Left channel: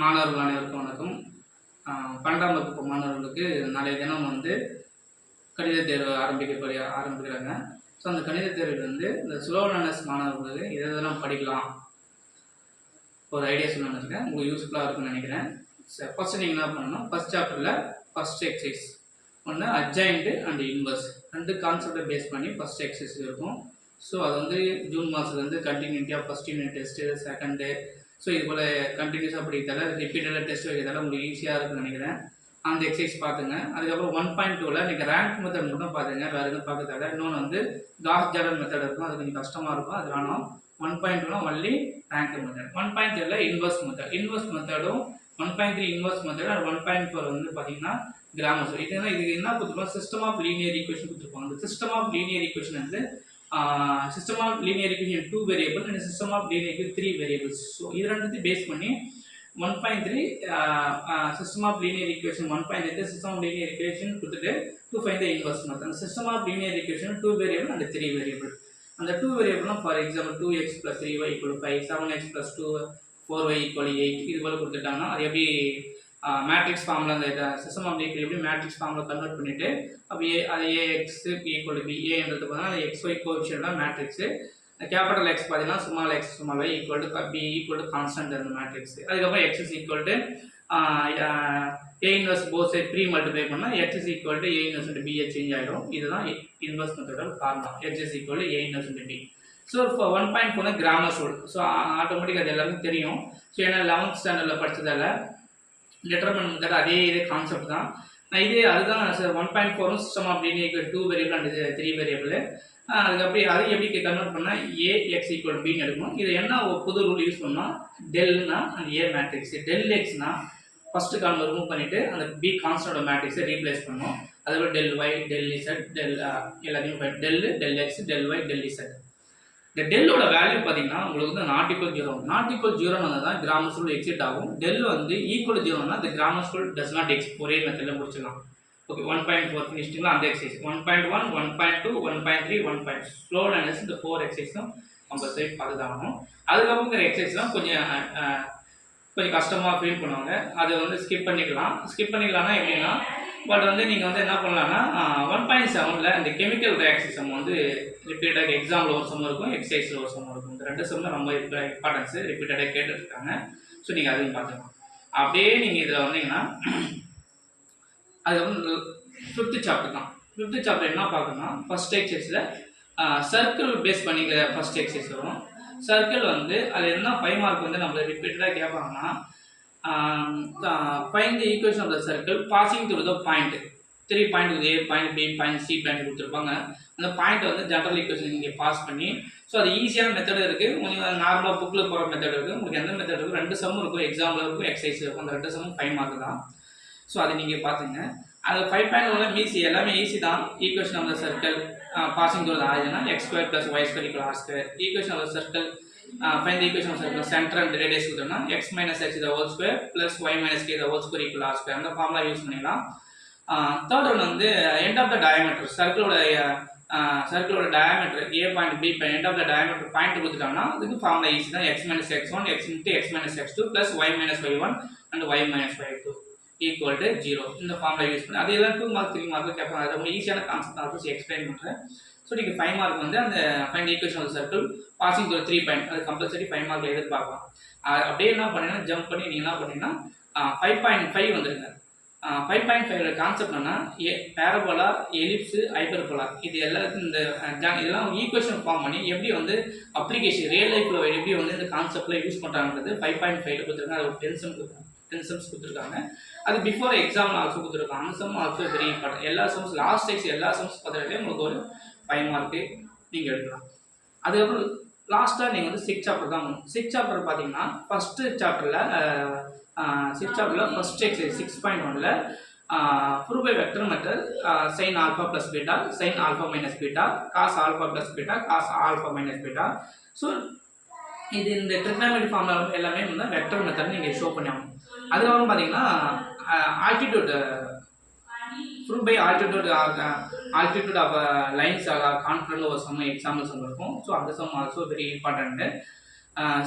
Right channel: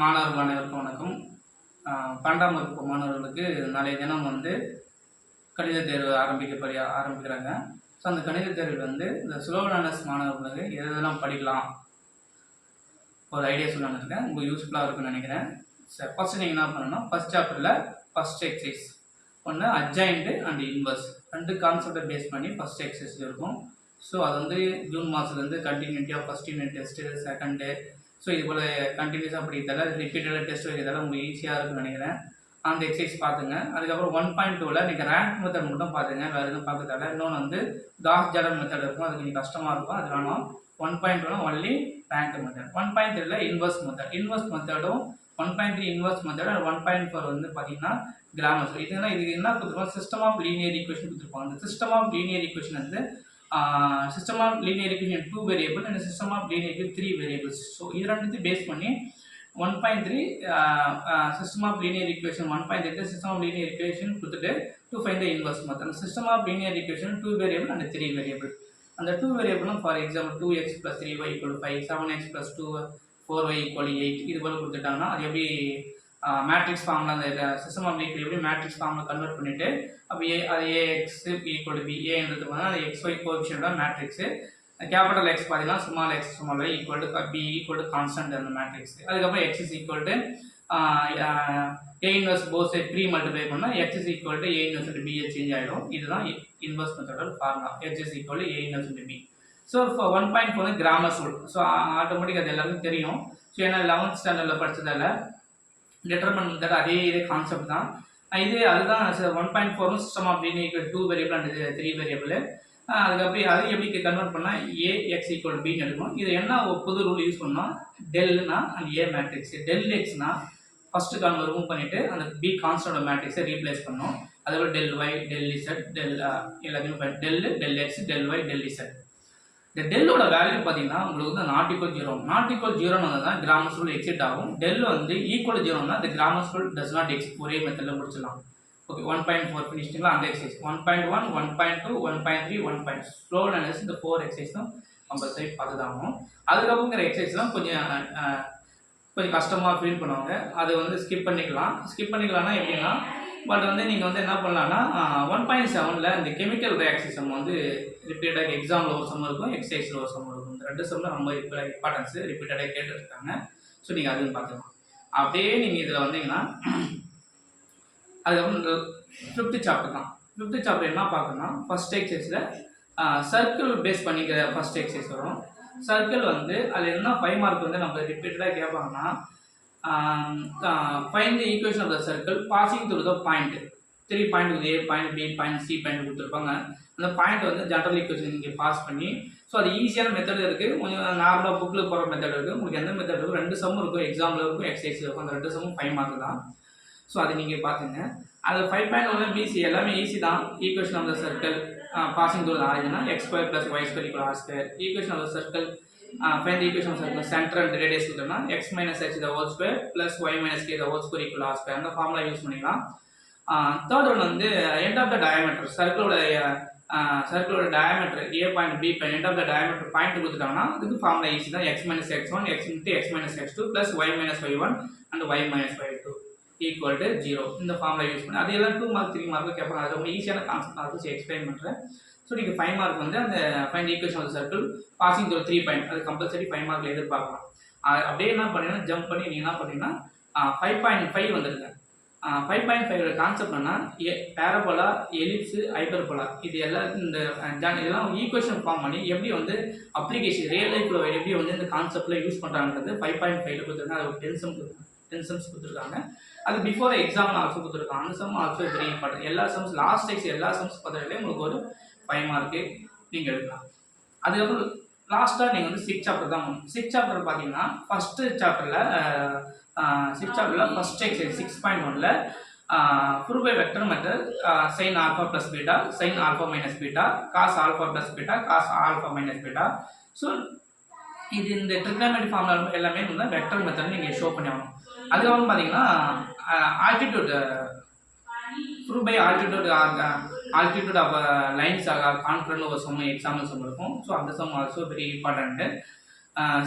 மாணவர்கள் அனைவருக்கும் வணக்கம். 12ஆம் வகுப்பு மாணவர்களுக்கு நாளைய தினம் வந்து கணித தேர்வு ஆரம்பிக்கிறாங்க. ஸோ அந்த கணித தேர்வில் வந்து இந்த ஸ்லோ லேர்னர்ஸ் மாணவர்களுக்கு எதெல்லாம் படிக்கலாம் ஒரு ஐடியா சொல்லலாம்னு இருக்கேன். உங்களுக்கு யூஸ்ஃபுல்லாக இருக்குன்னு நினைக்கிறேன். சார் ஃபஸ்ட்டு நீங்கள் என்ன பண்ணணும், ஃபஸ்ட் சாப்டரில் ஃபஸ்ட் எக்ஸசைஸ் ஒன்று அட்ஜாயிண்ட்டு அண்ட் இன்வர்ஸ் 2 கான்செப்டை பேஸ் பண்ணி ஃபஸ்ட் எக்ஸசைஸ் இருக்கும். ஸோ அது வந்து ஜூன் மாதத்துலேருந்து கண்டினியூட்டியாக first unit test, second, so இது போல் கண்டினியூஸாக படிக்கிறதால ரிப்பீட்டடாக டெஸ்ட் வைக்கிறதால உங்களுக்கு ஈஸியாக இருக்குன்னு நினைக்கிறேன். அந்த எக்ஸசைஸ் பார்த்துங்க. அதுக்கப்புறம் 1.2ல் நீங்கள் ரேங்க் மெத்தட் மட்டும் பார்த்துங்க, வேறு எதுவும் பார்க்கறதால. இன்னொன்று வந்து காஸ் ஜாடர் மெத்தட் இருக்கும், அது கொஞ்சம் கஷ்டமாக இருக்கும், அது வேணும். 1.2னா ஒன்லி ரேங்க் மெத்தட். 1.3ல இன்வர்ஸ் மெத்தட். இன்வர்ஸ் மெத்தடும் 1.3 இன்வர்ஸ் மெத்தட் அண்ட் 1.4 வந்து பார்த்தீங்கன்னா கிராமர். இது என்ன கொடுத்துருப்பாங்க, சிஸ்டம் ஆஃப் லீனியர் ஈக்குவேஷன் கொடுத்துருப்பாங்க. அந்த சிஸ்டம் ஆஃப் லீனியர் ஈக்குவேஷன் வந்து system of linear equation 2 variable and system of linear equation 3 variables. So இது ரெண்டுத்தையும் பேஸ் பண்ணி 1.3 system of linear equation 1.3 system of linear equation கொடுத்துட்டு to find the inverse method. System of linear equation 2 variable and 3 variable. அந்த 2 variable for example 2x plus 3y equal to 5, 7x plus 2 4y equal to 8 இது போல கொடுத்துட்டாங்கன்னா அது எப்படி matrix ஃபார்மில் அந்த system of linear எப்படி matrix ஃபார்மில் கன்வெர்ட் பண்ணிவிட்டு அப்போ அது ஏஎக்ஸ் ஈக்குவல் டு பி, ஏன்றது பார்த்தீங்கன்னா அது எக்ஸ்ஒய் கோஎஃபிஷியன்ட் தான் மேட்ரிக்ஸு. கேபிட்டல் எக்ஸ் பார்த்தீங்கன்னா small X small Y equal to B equal to constant அந்த மேட்ரிக்ஸ். அதுக்கப்புறம் X is equal to A inverse both side 3 multiply பண்ணால் X is equal to A inverse B change ஆகிடும். இதுதான் inverse மெத்தடோட formula. X is equal to A inverse B. So இப்போ 1.4 grammar rule. So automatic அது எல்லாருக்கும் தெரியும். So ஏன்னா 11th ஸ்டாண்டர்டில் படித்ததால் டிட்டர்மெண்ட் மெத்தட் அதே கான்செப்ட் தான். அதுதான் 1.4 system of linear equation 2 variable and 3 variable. அதுக்கப்புறம் அது எப்படி கன்வெர்ட் பண்ணால் ஏ எக்ஸ் ஈக்குவல் பின்னு எடுக்கணும். இது என்ன புது ரூல் யூஸ் பண்ணால் டெல்னா அந்த ஏ மேட்ரிக்ஸ், டெல் எக்ஸ்னா ஃபஸ்ட்டு காலம் ரிமூவ் பண்ணிவிட்டு அந்த பி கான்ஸ்டன்ட் மேட்ரிக்ஸை ரீப்ளேஸ் பண்ணணும். அதுக்கப்புறம் del Y del Z del எல்லாத்தையும் del X del Y del Z. இந்த டெல்லோட வேல்யூ பார்த்தீங்கன்னா உங்களுக்கு வந்து நாட் ஈக்குவல் 0. நாட் ஈக்குவல் 0 தான் கிராமர் ரூல் எக்ஸிட் ஆகும். டெல் வந்து equal 0னா the grammar rule does not exist. ஒரே மெத்தடில் முடிச்சிடலாம். ஓகே, 1.4 ஃபினிஷ்டிங்களா அந்த எக்ஸசைஸ். 1.1 1.2 1.3 1. ஸ்லோ லேர்னர்ஸ் இந்த 4 எக்ஸசைஸும் கம்பல்சரி பார்த்துதாகணும். அதுக்கப்புறம் இருக்கிற எக்ஸசைஸ்லாம் கொஞ்சம் கஷ்டமாக ஃபீல் பண்ணுவாங்க. அதை வந்து ஸ்கிப் பண்ணிக்கலாம்னா எப்படின்னா பட் வந்து நீங்கள் வந்து என்ன பண்ணலான்னா 1.7ல் இந்த கெமிக்கல் ரியாக்ஷன் சம் வந்து ரிப்பீட்டடாக எக்ஸாமில் ஒரு சம் இருக்கும், எக்ஸசைஸில் ஒரு சம் இருக்கும். இந்த 2 சம்மில் ரொம்ப இம்பார்ட்டன்ஸு ரிப்பீட்டடாக கேட்டுருக்காங்க. ஸோ நீங்கள் அதையும் பார்த்துக்கலாம். அப்படியே நீங்கள் இதில் வந்தீங்கன்னா அதுக்கப்புறம் 5th சாப்டர் தான். 5th சாப்டர் என்ன பார்க்கணும்னா ஃபஸ்ட் எக்ஸசைஸில் சர்க்கிள் பேஸ் பண்ணிக்கிற ஃபஸ்ட் எக்ஸசைஸ் வரும். சர்க்கிள் வந்து அது என்ன 5 மார்க் வந்து நம்மளை ரிப்பீட்டடாக கேட்பாங்கன்னா find the equation of the circle passing through the point. 3 point A, point B, point C point கொடுத்துருப்பாங்க. அந்த பாயிண்ட் வந்து ஜெனரல் ஈக்குவேஷன் நீங்கள் பாஸ் பண்ணி ஸோ அது ஈஸியான மெத்தட் இருக்குது. கொஞ்சம் நார்மலாக புக்கில் போகிற மெத்தட் இருக்குது. உங்களுக்கு எந்த மெத்தட் இருக்கும், 2 சம்மும் இருக்கும், எக்ஸாமில் இருக்கும், எக்ஸசைஸ் இருக்கும். அந்த 2 சம்மும் 5 மார்க் தான். ஸோ அதை நீங்கள் பார்த்துங்க. அது 5.1 ஈஸி, எல்லாமே ஈஸி தான். Equation of the circle passing through the origin x² + y² = r². Equation of the circle find the equation of circle center and radius கொடுத்தோம்னா x - h the whole square plus y - k the whole square equal r square. அந்த formula use பண்ணிக்கலாம். Third one வந்து end of the diameter. சர்க்கிளோட diameter a point b point end of the diameter point கொடுத்துட்டாங்கன்னா அதுக்கு formula easy தான். x - x1 x × x - x2 plus y - y1 and y - y2 equal to 0. இந்த formula use பண்ணி அதெல்லாம் 2 mark 3 mark கேட்பாங்க. அது ரொம்ப ஈஸியான கான்செப்ட் தான். அதை எக்ஸ்பிளைன் பண்ணுறேன். ஸோ நீங்கள் 5 மார்க் வந்து அந்த find equation of circle passing through 3 point அது கம்பல்சரி 5 மார்க்கில் எதிர்பார்க்கலாம். அப்படியே என்ன பண்ணீங்கன்னா ஜம்ப் பண்ணி நீங்கள் என்ன பண்ணீங்கன்னா 5.5 வந்துருங்க. 5.5 கான்செப்ட் என்னன்னா பேரபோலா, எலிப்ஸு, ஹைப்பர்போலா இது இதெல்லாம் ஈக்குவேஷன் ஃபார்ம் பண்ணி எப்படி வந்து அப்ளிகேஷன் ரியல் லைஃப்பில் எப்படி வந்து இந்த கான்செப்டில் யூஸ் பண்ணுறாங்கிறது 5.5ல் கொடுத்துருக்காங்க. அது ஒரு 10 சம்ஸ் கொடுத்துருக்காங்க. அது பிஃபோர் எக்ஸாம் ஆல்சோ கொடுத்துருக்காங்க. அந்த சம் ஆல்சோ வெரி இம்பார்ட்டன்ட். எல்லா சம்ஸ் லாஸ்ட் எக்ஸ் எல்லா சம்ஸ் பார்த்துட்டு உங்களுக்கு ஒரு 5 மார்க்கு நீங்கள் எடுக்கலாம். அதுக்கப்புறம் லாஸ்ட்டாக நீங்கள் வந்து 6 சாப்டர் தான் பண்ணணும். 6 சாப்டர் பார்த்தீங்கன்னா ஃபஸ்ட்டு சாப்டரில் 6 சாப்டரில் ஃபஸ்ட் எக்ஸசைஸ் 6.1ல் prove by vector method sin α + β sin α - β cos α + β cos α - β. So இது இந்த ட்ரிக்னாமெட்ரி ஃபார்முலா எல்லாமே வந்து வெக்டர் மெத்தட் நீங்கள் ஷோ பண்ணி ஆகணும். அதுக்கப்புறம் பார்த்தீங்கன்னா altitude prove by altitude of lines are confident ஒரு சம் எக்ஸாம்பிள் சம் இருக்கும். ஸோ அந்த சம் ஆல்சோ வெரி இம்பார்ட்டன்ட்டு.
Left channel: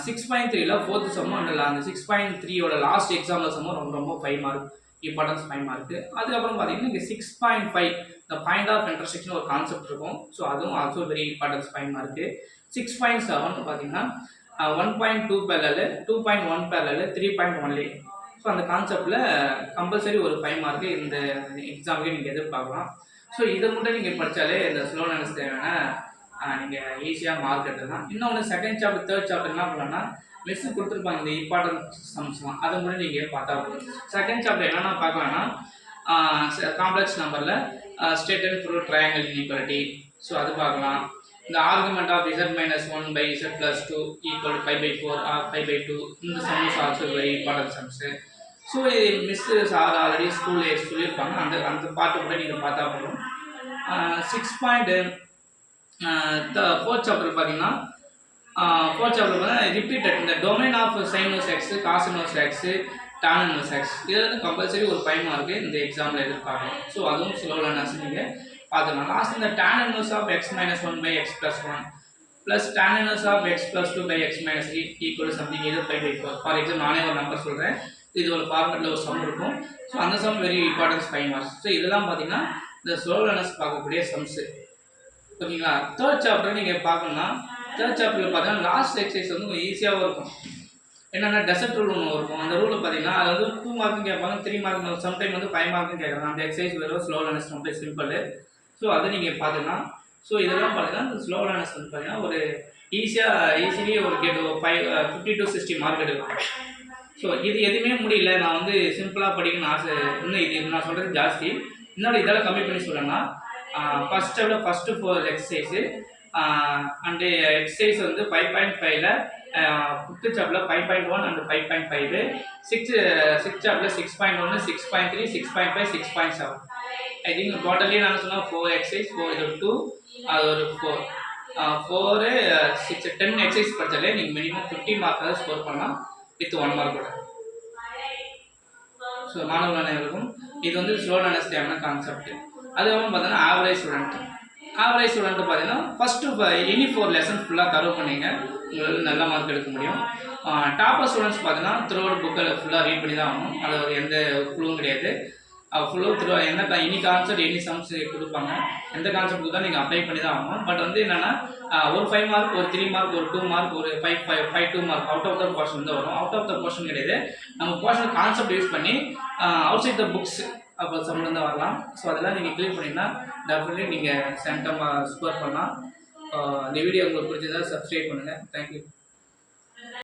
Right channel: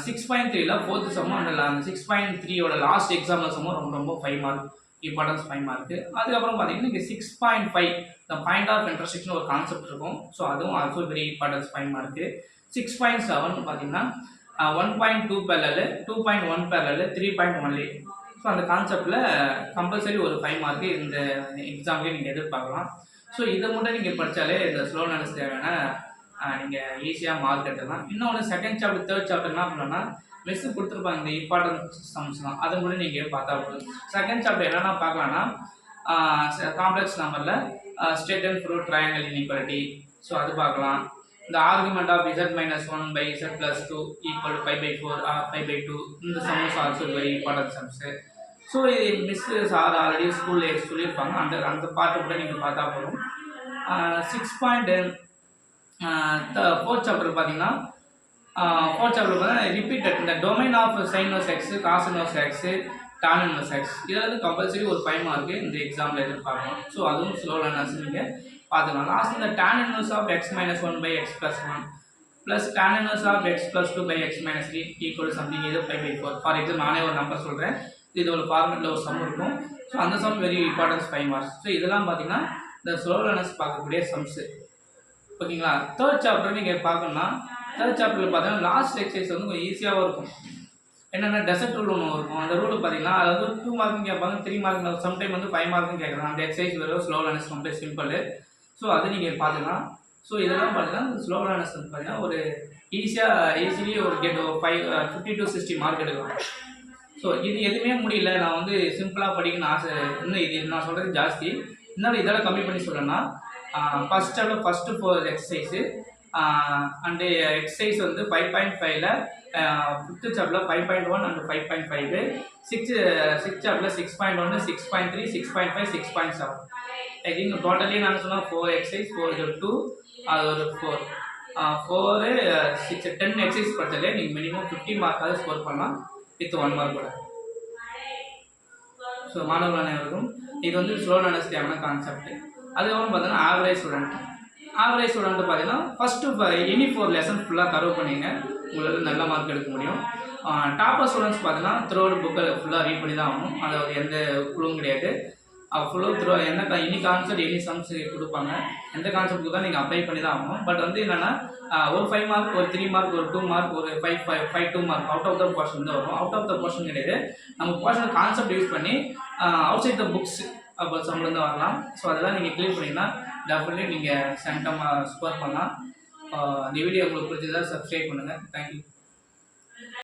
6.3ல ஃபோர்த்து சம்மும் அந்த 6.3யோட லாஸ்ட் எக்ஸாம்பிள் சம்மும் ரொம்ப ரொம்ப 5 மார்க், இம்பார்ட்டன்ஸ் 5 மார்க்கு. அதுக்கப்புறம் பார்த்தீங்கன்னா இங்கே 6.5 இந்த பாயிண்ட் ஆஃப் இன்டர்செக்ஷன் ஒரு கான்செப்ட் இருக்கும். ஸோ அதுவும் ஆல்சோ வெரி இம்பார்ட்டன்ஸ் 5 மார்க்கு. 6.7 பார்த்தீங்கன்னா 1.2 parallel, 2.1 parallel, 3.1 ஸோ அந்த கான்செப்டில் கம்பல்சரி ஒரு 5 மார்க்கு இந்த எக்ஸாமுக்கு நீங்கள் எதிர்பார்க்கலாம். ஸோ இதை மட்டும் நீங்கள் படித்தாலே இந்த ஸ்லோ லேர்னர்ஸ் தேவையான நீங்கள் ஈஸியாக மார்க் எடுத்துக்கலாம். இன்னொன்று செகண்ட் சாப்டர் தேர்ட் சாப்டர் என்ன பண்ணலாம்னா மிஸ் கொடுத்துருப்பாங்க இந்த இம்பார்ட்டன்ட் சம்ஸ்லாம், அதை மட்டும் நீங்கள் பார்த்தா போதும். செகண்ட் சாப்டர் என்னென்னா பார்க்கலாம்னா காம்ப்ளெக்ஸ் நம்பரில் straight and prove triangle inequality, so அது பார்க்கலாம். இந்த argument of z - 1 by z plus 2 equal to pi/4 or pi/2, இந்த some is also very important sums. So இது மிஸ் சார் ஆல்ரெடி ஸ்கூலில் சொல்லியிருப்பாங்க, அந்த பாட்டு கூட நீங்கள் பார்த்தா போதும். 4th சாப்டர் பார்த்தீங்கன்னா ஃபோர்த் சாப்டர் பார்த்தீங்கன்னா ரிப்பீட்டட் இந்த domain of sine inverse x, cos inverse x, tan inverse x, இதில் வந்து கம்பல்சரி ஒரு 5 மார்க்கு இந்த எக்ஸாமில் எதிர்பார்க்கலாம். ஸோ அதுவும் ஸ்லோ லேர்னர்ஸ் நீங்கள் பார்த்துக்கலாம். லாஸ்ட் இந்த tan inverse of x minus 1 by x plus 1 plus tan inverse of x plus 2 by x minus 3 equal to something either pi by 4. For example நானே ஒரு நம்பர் சொல்கிறேன், இது ஒரு ஃபார்மெட்டில் ஒரு சம் இருக்கும். ஸோ அந்த sum very importance 5 marks. So இதெல்லாம் பார்த்தீங்கன்னா இந்த ஸ்லோ லேர்னர்ஸ் பார்க்கக்கூடிய சம்ஸு. ஓகேங்களா? தேர்ட் சாப்டர் நீங்கள் பார்க்கணும்னா தேர்ட் சாப்டரில் பார்த்தீங்கன்னா லாஸ்ட் எக்ஸசைஸ் வந்து கொஞ்சம் ஈஸியாகவும் இருக்கும். என்னென்னா டெசர்ட் ரூல் ஒன்று இருக்கும். அந்த ரூலில் பார்த்தீங்கன்னா அது வந்து 2 மார்க்கும் கேட்பாங்க, 3 மார்க், சம்டைம் வந்து 5 மார்க்கும் கேட்குறாங்க. அந்த எக்ஸசைஸ் வெறும் ஸ்லோ லேர்னர்ஸ் ரொம்ப சிம்பிள். ஸோ அதை நீங்கள் பார்த்துக்கலாம். ஸோ இதெல்லாம் பார்த்தீங்கன்னா இந்த ஸ்லோ லேர்னர்ஸ் வந்து பார்த்தீங்கன்னா ஒரு ஈஸிலி ஒரு 50 to 60 மார்க் எடுக்கலாம். ஸோ இது எதுவுமே முடியல, நான் வந்து சிம்பிளாக படிக்கணும்னு ஆசை, இன்னும் இது நான் சொல்கிறது ஜாஸ்தி, இன்னொரு இதெல்லாம் கம்மி பண்ணி சொல்லணும்னா ஃபஸ்ட்டு 4 எக்ஸசைஸு அண்டு எக்ஸசைஸ் வந்து 5.5ல 5th சாப்டரில் 5.1 அண்ட் 5.5, 6th சாப்டரில் 6.1, 6.3, 6.5, 6.7. ஐ திங்க் டோட்டலி நான் சொன்னால் 4 எக்ஸசைஸ், 4 இது 2, அது ஒரு 4, 6, 10 எக்ஸசைஸ் படித்தாலே நீங்கள் மினிமம் 50 மார்க்காவது ஸ்கோர் பண்ணலாம் வித் 1 மார்க் கூட. ஸோ மாணவர்கள் அனைவருக்கும் இது வந்து ஸ்லோ லேர்னர்ஸ் தேவையான கான்செப்ட். அதுக்கப்புறம் பார்த்தீங்கன்னா ஆவரேஜ் ஸ்டூடெண்ட் பார்த்தீங்கன்னா ஃபஸ்ட்டு எனி 4 லெசன் ஃபுல்லாக கவர் பண்ணிங்க, உங்களுக்கு நல்ல மார்க் எடுக்க முடியும். டாப்பர் ஸ்டூடெண்ட்ஸ் பார்த்தீங்கன்னா த்ரூஅவுட் புக்கை ஃபுல்லாக ரீட் பண்ணி தான் ஆகணும், அது எந்த குழுவும் கிடையாது. ஃபுல்லாக என்ன எனி கான்செப்ட் எனி சம்ஸ் கொடுப்பாங்க, எந்த கான்செப்ட்டுக்கு தான் நீங்கள் அப்ளை பண்ணி தான் ஆகணும். பட் வந்து என்னென்னா ஒரு 5 மார்க், ஒரு 3 மார்க், ஒரு 2 மார்க், ஒரு 5 2 mark out of the portion தான் வரும். அவுட் ஆஃப் த போர்ஷன் கிடையாது, நம்ம போர்ஷன் கான்செப்ட் யூஸ் பண்ணி அவுட் சைட் த புக்ஸ் அப்போ சம்பளம் தான் வரலாம். ஸோ அதெல்லாம் நீங்கள் கிளியர் பண்ணிங்கன்னா டெஃபினெட்லி நீங்கள் சென்டமாக ஸ்கோர் பண்ணலாம். இந்த வீடியோ உங்களுக்கு பிடிச்சதா சப்ஸ்கிரைப் பண்ணுங்கள். தேங்க்யூ.